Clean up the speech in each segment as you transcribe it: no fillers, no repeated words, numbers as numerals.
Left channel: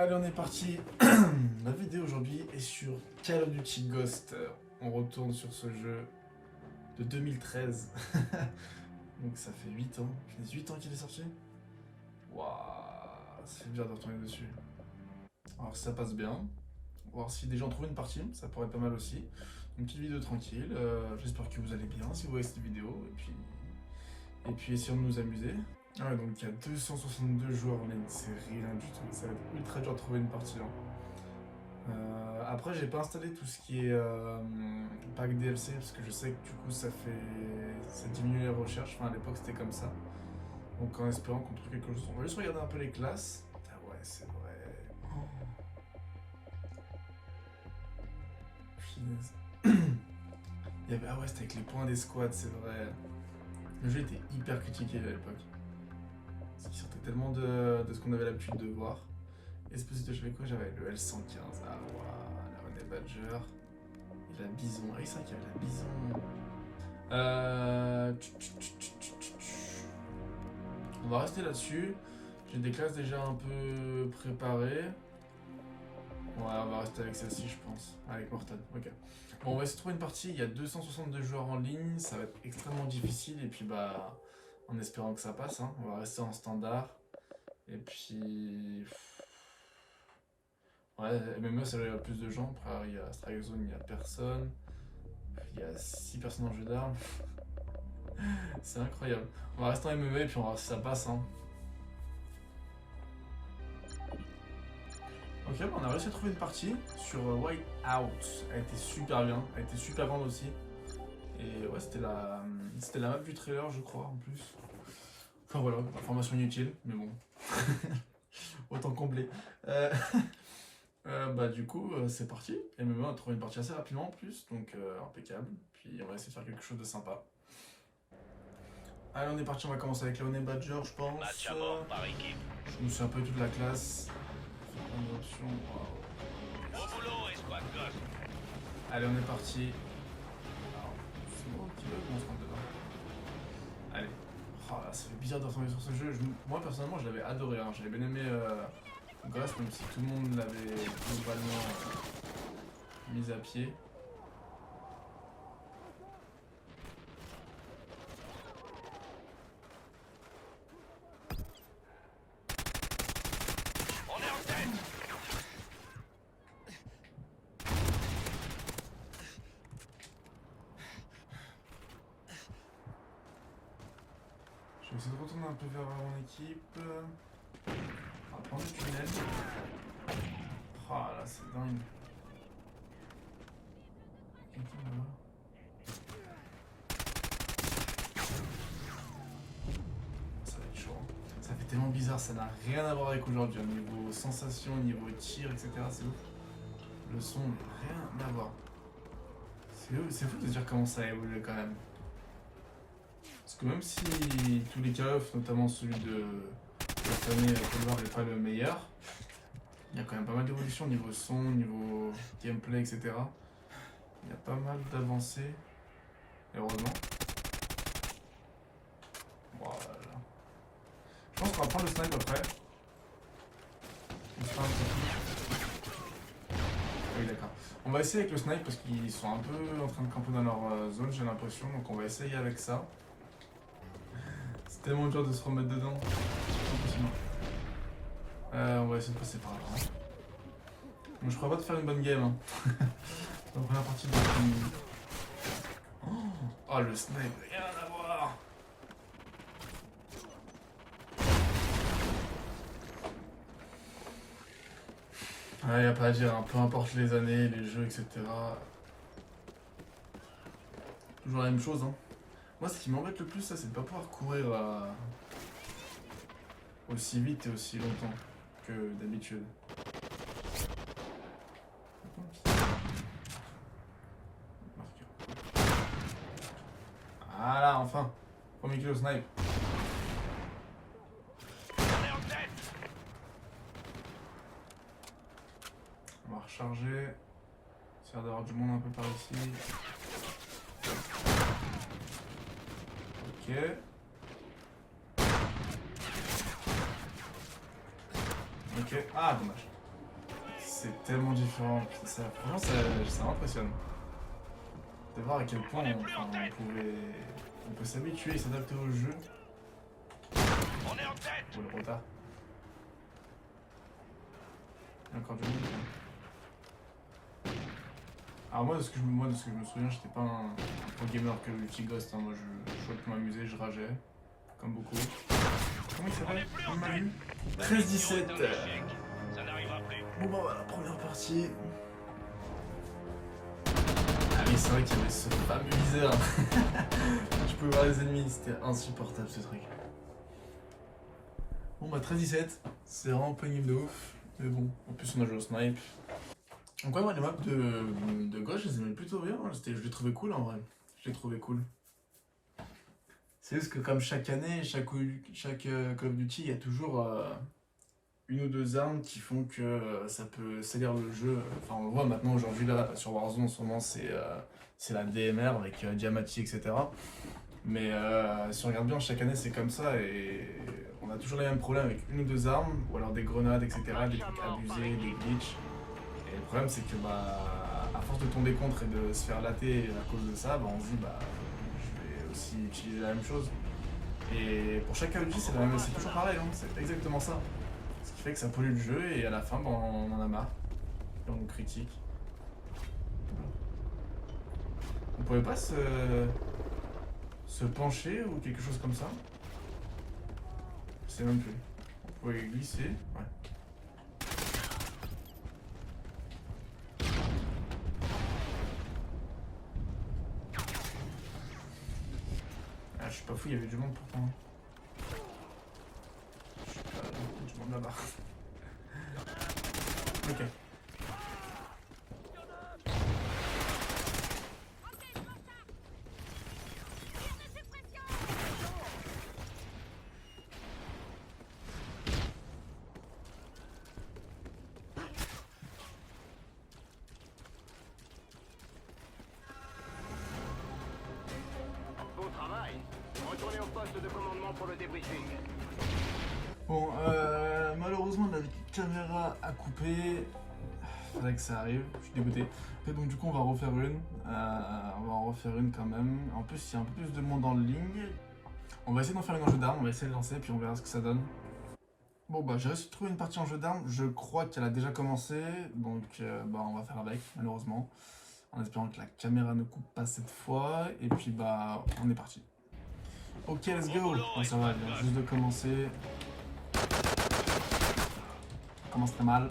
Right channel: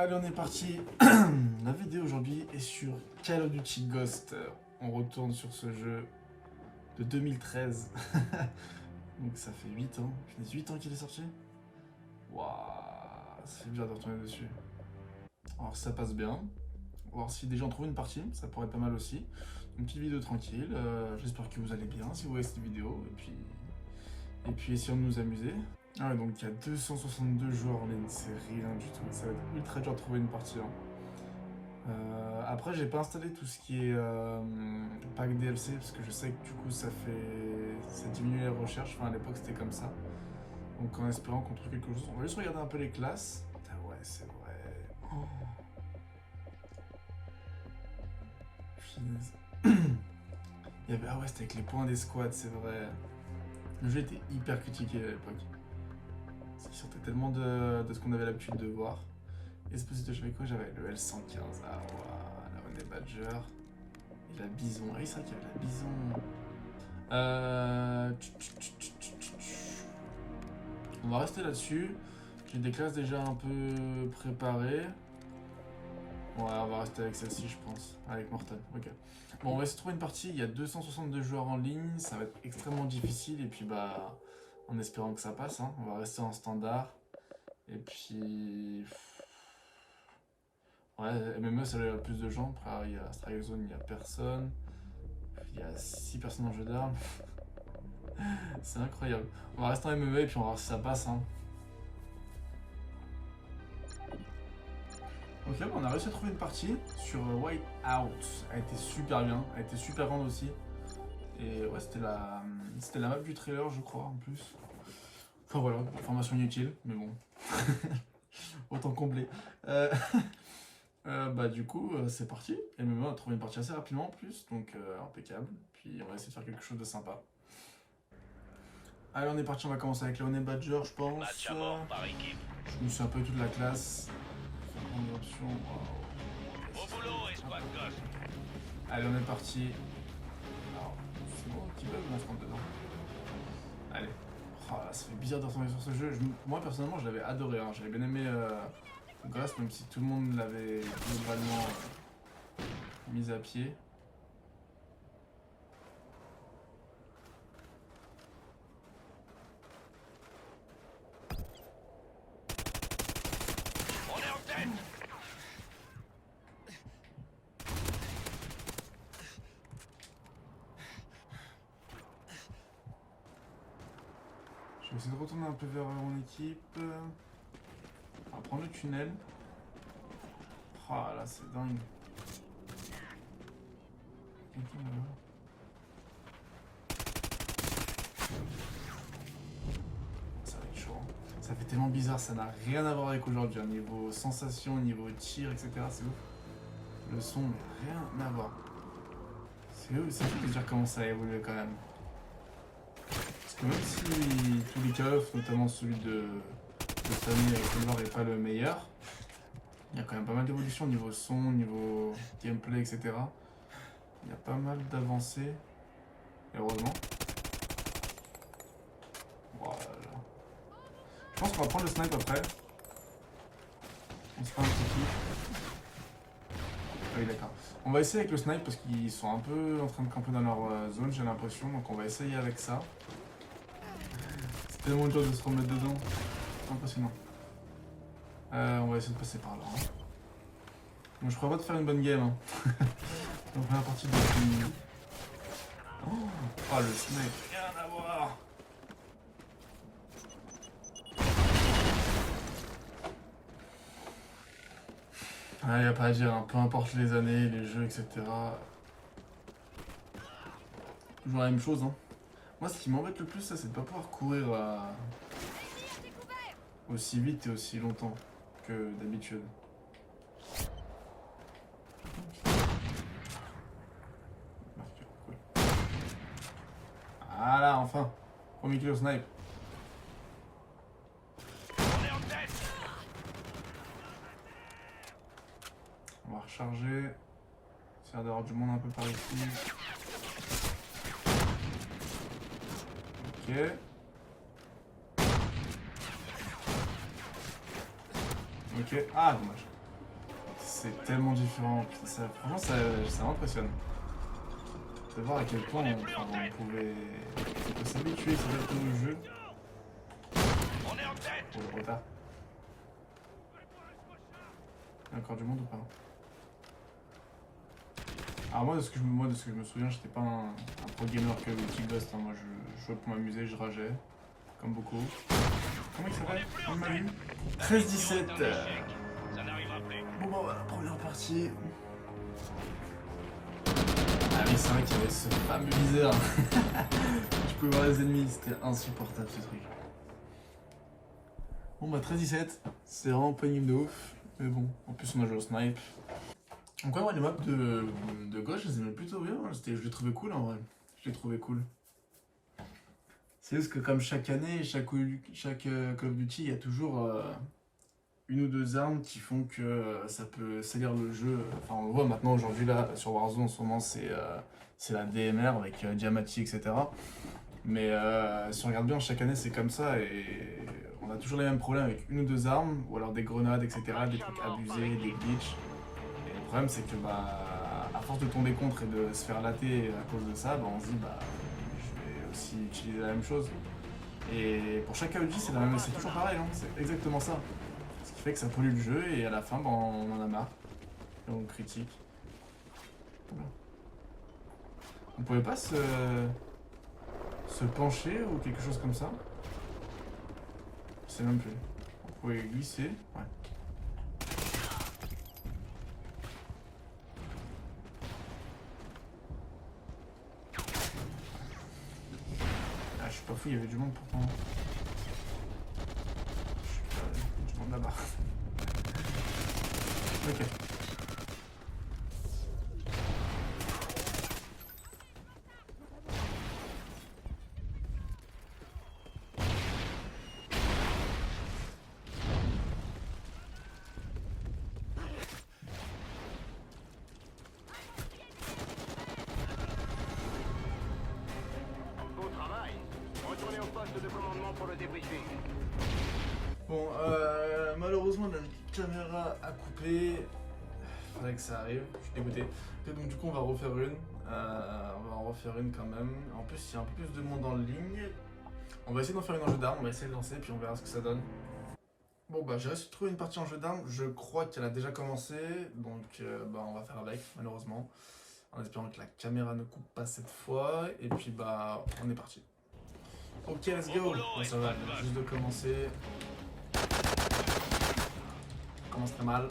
Allez, on est parti. La vidéo aujourd'hui est sur Call of Duty Ghost. On retourne sur ce jeu de 2013. Donc ça fait 8 ans. Ça fait 8 ans qu'il est sorti. Waouh, c'est bizarre de retourner dessus. Alors ça passe bien. On va voir si des gens trouvent une partie, ça pourrait être pas mal aussi. Une petite vidéo tranquille. J'espère que vous allez bien si vous voyez cette vidéo. Et puis essayons de nous amuser. Ah ouais, donc il y a 262 joueurs en ligne, c'est rien du tout. Ça va être ultra dur de trouver une partie. Après, j'ai pas installé tout ce qui est pack DLC parce que je sais que du coup ça diminue les recherches. Enfin, à l'époque c'était comme ça. Donc en espérant qu'on trouve quelque chose. On va juste regarder un peu les classes. Ah ouais, c'est vrai. Oh. Finesse. Ah ouais, c'était avec les points des squads, c'est vrai. Le jeu était hyper critiqué à l'époque. Parce qu'il sortait tellement de ce qu'on avait l'habitude de voir. Et Esposito, j'avais quoi? J'avais le L115. Ah waouh, la Honey Badger. Et la Bison. Ah oui, c'est vrai qu'il y avait la Bison. On va rester là-dessus. J'ai des classes déjà un peu préparées. Ouais, on va rester avec celle-ci, je pense. Avec Mortal. Ok. Bon, on va essayer de trouver une partie. Il y a 262 joueurs en ligne. Ça va être extrêmement difficile. Et puis, bah, en espérant que ça passe. Hein. On va rester en standard. Et puis. Ouais, MME, ça va y avoir plus de gens. Après, il y a Strike Zone, il n'y a personne. Il y a 6 personnes en jeu d'armes. C'est incroyable. On va rester en MME et puis on va voir si ça passe. Hein. Ok, bon, on a réussi à trouver une partie sur White Out. Elle était super bien, elle était super grande aussi. Et ouais, c'était la map du trailer, je crois, en plus. Enfin voilà, information inutile, mais bon. Autant combler. Bah du coup, c'est parti. Et même on a trouvé une partie assez rapidement en plus, donc impeccable. Puis on va essayer de faire quelque chose de sympa. Allez, on est parti, on va commencer avec la Honey Badger, je pense. Match à mort par équipe. Je me suis un peu toute la classe. Option, wow. Au boulot, escouade Ghost. Allez, on est parti. Alors, c'est moi qui va se rendre dedans. Allez. Oh là, ça fait bizarre de retomber sur ce jeu. Moi, personnellement, je l'avais adoré. Hein. J'avais bien aimé Ghost, même si tout le monde l'avait globalement mis à pied. On est en tête. Je vais essayer de retourner un peu vers mon équipe. On va prendre le tunnel. Oh là, c'est dingue. Quelqu'un là-bas. Ça va être chaud. Hein. Ça fait tellement bizarre, ça n'a rien à voir avec aujourd'hui. Au niveau sensation, au niveau tir, etc. C'est ouf. Le son, rien à voir. C'est fou de dire comment ça a évolué quand même. Parce que même si tous les Call of, notamment celui de cette année avec le noir n'est pas le meilleur, il y a quand même pas mal d'évolutions au niveau son, au niveau gameplay, etc. Il y a pas mal d'avancées, heureusement. Voilà. Je pense qu'on va prendre le snipe après. On se fera un petit kill. Ah oui, d'accord. On va essayer avec le snipe parce qu'ils sont un peu en train de camper dans leur zone, j'ai l'impression. Donc on va essayer avec ça. C'est tellement dur de se remettre dedans. C'est impossible. On va essayer de passer par là. Hein. Bon, je crois pas de faire une bonne game. Hein. La première partie de oh, le snipe, rien à voir. Ouais, y a pas à dire, hein. Peu importe les années, les jeux, etc. Toujours la même chose. Hein. Moi, ce qui m'embête le plus, ça, c'est de pas pouvoir courir aussi vite et aussi longtemps que d'habitude. Voilà, enfin. Premier kill au snipe. On est en tête. On va recharger. Ça a l'air d'avoir du monde un peu par ici. Ok. Ok. Ah, dommage. C'est tellement différent. Franchement, ça m'impressionne. De voir à quel point on peut s'habituer et s'adapter au jeu. On est en tête. Pour le retard. Il y a encore du monde ou pas? Alors moi de ce que je me souviens, j'étais pas un pro gamer que Tick Ghost, hein. Moi je jouais pour m'amuser, je rageais. Comme beaucoup. Comment il s'appelle? 13-17. Ça n'arrivera plus. Bon bah voilà, première partie. Ah oui, c'est vrai qu'il y avait ce fameux viseur. Je pouvais voir les ennemis, c'était insupportable ce truc. Bon bah 13-17, c'est vraiment pas une de ouf. Mais bon, en plus on a joué au snipe. Donc ouais, moi les maps de gauche, je les aimais plutôt bien. Je les trouvais cool en vrai. Je les trouvais cool. C'est juste que comme chaque année, chaque Call of Duty, il y a toujours une ou deux armes qui font que ça peut salir le jeu. Enfin on le voit maintenant aujourd'hui là sur Warzone en ce moment c'est la DMR avec Diamati etc. Mais si on regarde bien chaque année c'est comme ça et on a toujours les mêmes problèmes avec une ou deux armes ou alors des grenades etc. Des trucs abusés, des glitches. Et le problème c'est que bah à force de tomber contre et de se faire latter à cause de ça, bah, on se dit bah je vais aussi utiliser la même chose. Et pour chaque Call of Duty c'est toujours pareil, hein, c'est exactement ça. Ce qui fait que ça pollue le jeu et à la fin bah, on en a marre. Et on critique. On pouvait pas se pencher ou quelque chose comme ça? Je sais même plus. On pouvait glisser. Ouais. Ah, je suis pas fou, il y avait du monde pourtant. Je suis pas... Il y a du monde là-bas. Ok. Bon travail. Retournez au poste de commandement pour le débriefing. Bon, malheureusement la caméra a coupé. Faudrait que ça arrive, je suis dégoûté. Et donc du coup on va refaire une. On va en refaire une quand même. En plus il y a un peu plus de monde en ligne. On va essayer d'en faire une en jeu d'armes, on va essayer de lancer puis on verra ce que ça donne. Bon bah j'ai réussi à trouver une partie en jeu d'armes, je crois qu'elle a déjà commencé. Donc bah on va faire avec malheureusement. En espérant que la caméra ne coupe pas cette fois. Et puis bah on est parti. Ok let's go. Bon, ça va, vient juste de commencer. Ça commence très mal.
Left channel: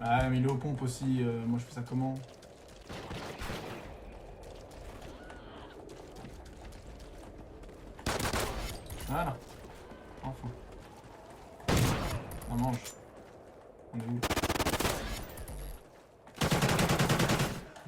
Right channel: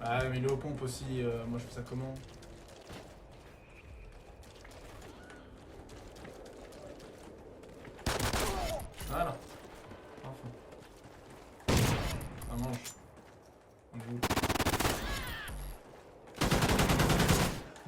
Ah mais il est aux pompes aussi, moi je fais ça comment? Voilà. Enfin. On mange. On est où?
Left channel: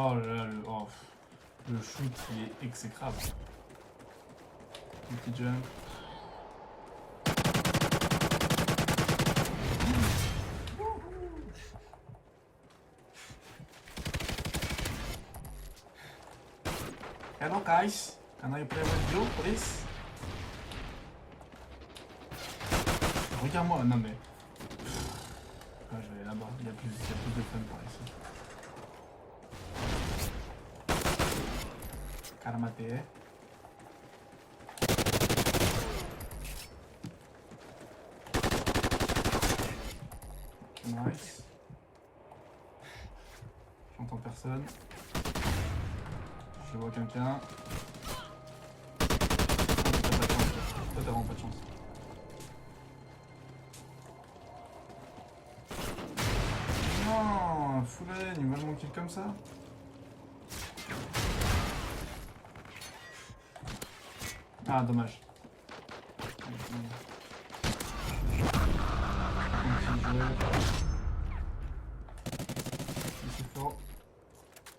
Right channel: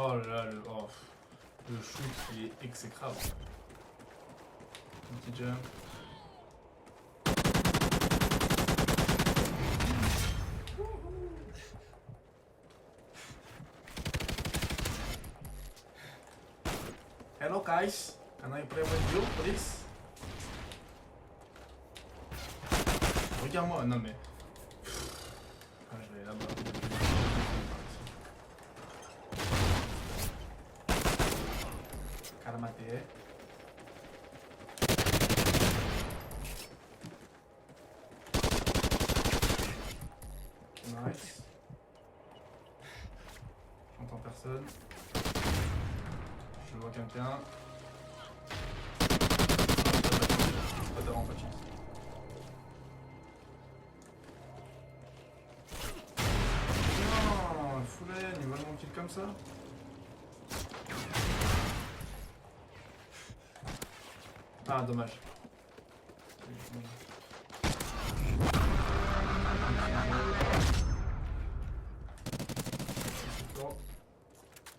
Oh là là, le shoot il est exécrable. Un petit jump. Hello guys, can I play with you please? Regarde-moi, non mais... Ah, je vais aller là-bas, il y a plus de fun par ici. Karamate. Nice. J'entends personne. Je vois quelqu'un. T'as vraiment pas de chance. Non, full lane, il va me kill comme ça. Ah, dommage.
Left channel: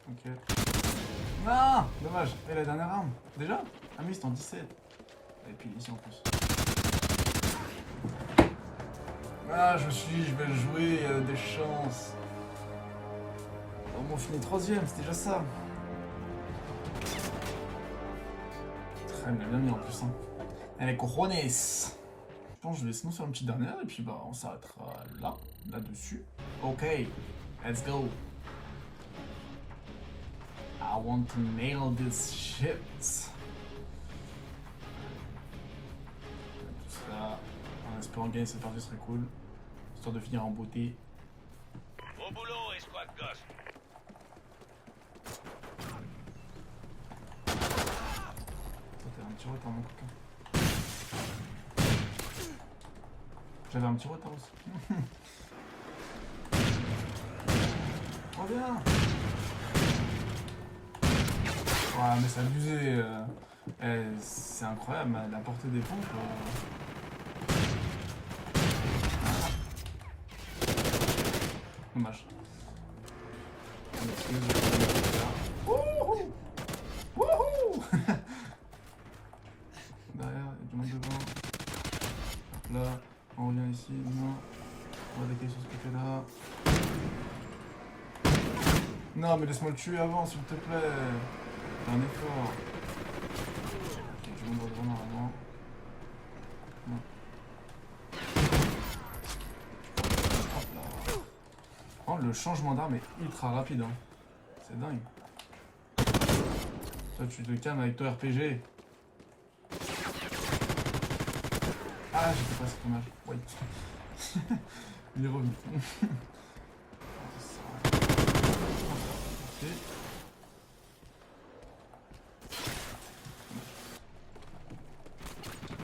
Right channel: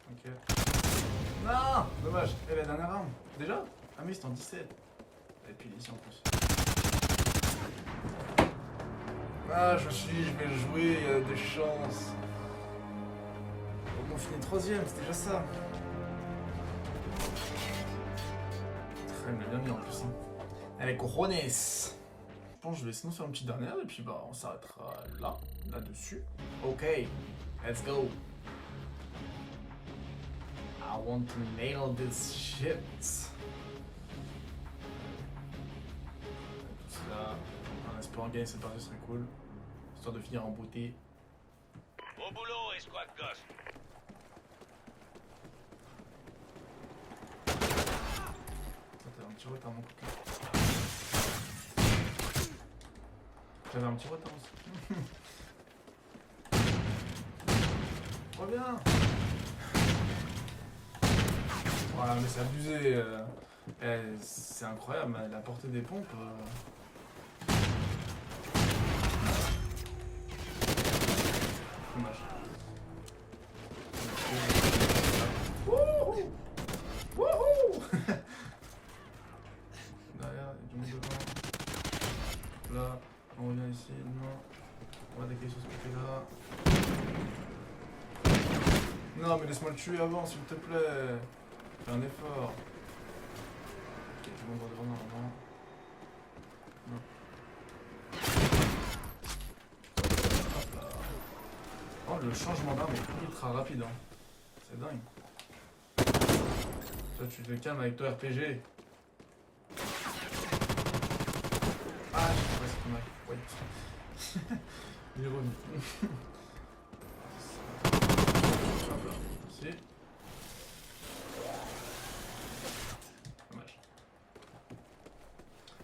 Ok. Non, dommage. Et la dernière arme? Déjà? Ah mais c'est en 17. Et puis ici en plus. Ah, je vais jouer, des chances. Au moins on finit 3ème, c'est déjà ça. il me l'a bien mis en plus. Hein. Allez, cojones. Je pense que je vais sinon faire une petite dernière et puis bah on s'arrêtera là-dessus. Ok, let's go. I want to nail this shit. Tout ça, en espérant gagner cette partie serait cool. Histoire de finir en beauté. Au boulot, escouade Ghost. T'avais un petit retard mon coquin. J'avais un petit retard aussi. Reviens. Ouais mais c'est abusé. C'est incroyable la portée des pompes. Dommage. Wouhou! Wouhou! Derrière, il y a du monde devant. Là, on revient ici. Non. On va attaquer sur ce côté-là. Non, mais laisse-moi le tuer avant, s'il te plaît. Fais un effort. Ok, tout le monde devant normalement. Non. Oh, le changement d'arme est ultra rapide. Hein. C'est dingue. Toi, tu te calmes avec ton RPG. Ah, j'ai pas c'est pas mal. Wait. Il est revenu. Ok.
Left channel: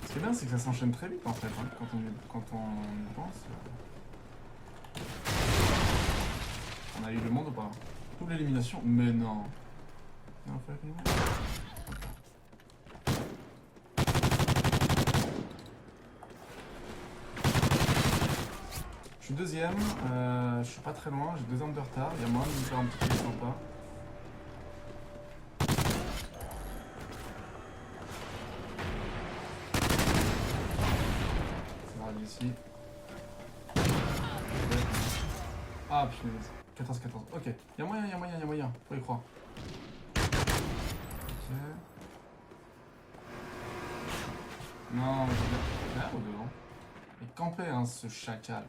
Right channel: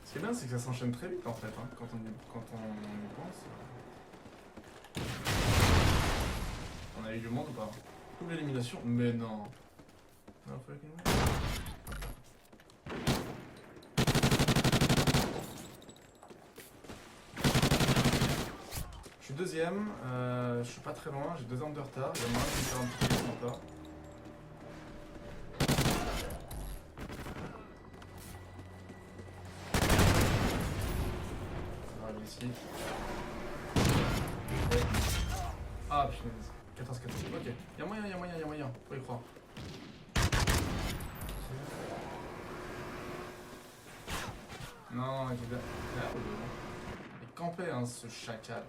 Ce qui est bien, c'est que ça s'enchaîne très vite en fait, hein, quand on y pense. On a eu le monde ou pas? Ou l'élimination? Mais non. Non, faut l'éliminer. Je suis deuxième, je suis pas très loin, j'ai 2 armes de retard, il y a moyen de me faire un petit peu sympa. Ça va aller ici. Ah punaise, 14-14, ok. Il y a moyen, faut y croire. Ok. Non, il est derrière ou devant? Il campait hein, ce chacal.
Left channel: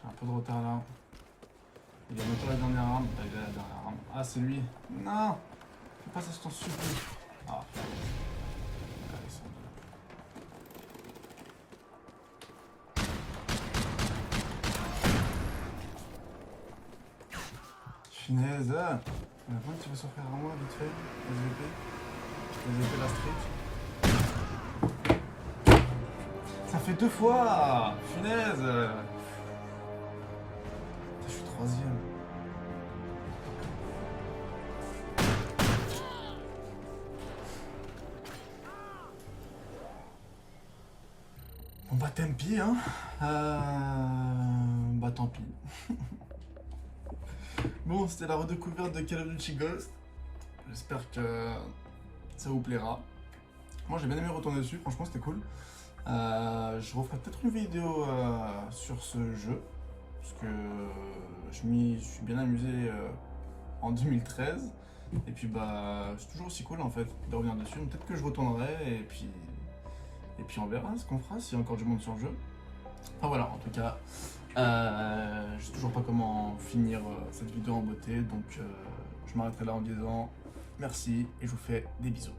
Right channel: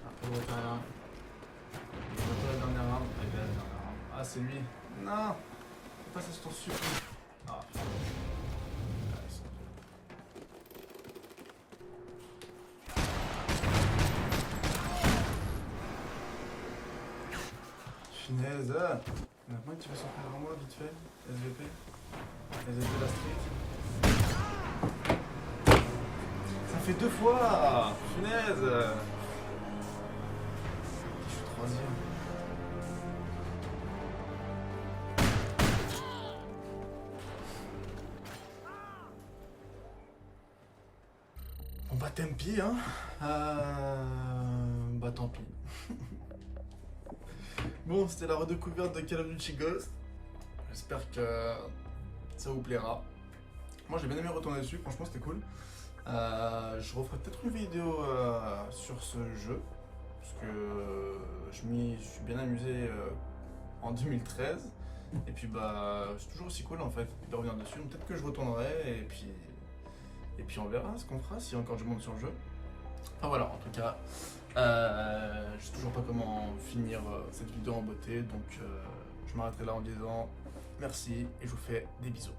J'ai un peu de retard là. Il va mettre la dernière arme. Il a la dernière arme. Ah, c'est lui. Non! Fais pas ça, je t'en supplie. Ah, Finesse. Maintenant que tu vas s'en faire en moi vite fait. SVP la streak. Ça fait 2 fois! Finesse! Je suis 3ème. Bon bah tant pis hein. Bah tant pis. Bon c'était la redécouverte de Call of Duty Ghost. J'espère que ça vous plaira. Moi j'ai bien aimé retourner dessus, franchement c'était cool. Je referai peut-être une vidéo sur ce jeu. Parce que je m'y suis bien amusé en 2013. Et puis bah c'est toujours aussi cool en fait de revenir dessus. Donc peut-être que je retournerai et puis on verra ce qu'on fera s'il y a encore du monde sur le jeu. Enfin voilà, en tout cas, je sais toujours pas comment finir cette vidéo en beauté. Donc je m'arrêterai là en disant merci et je vous fais des bisous.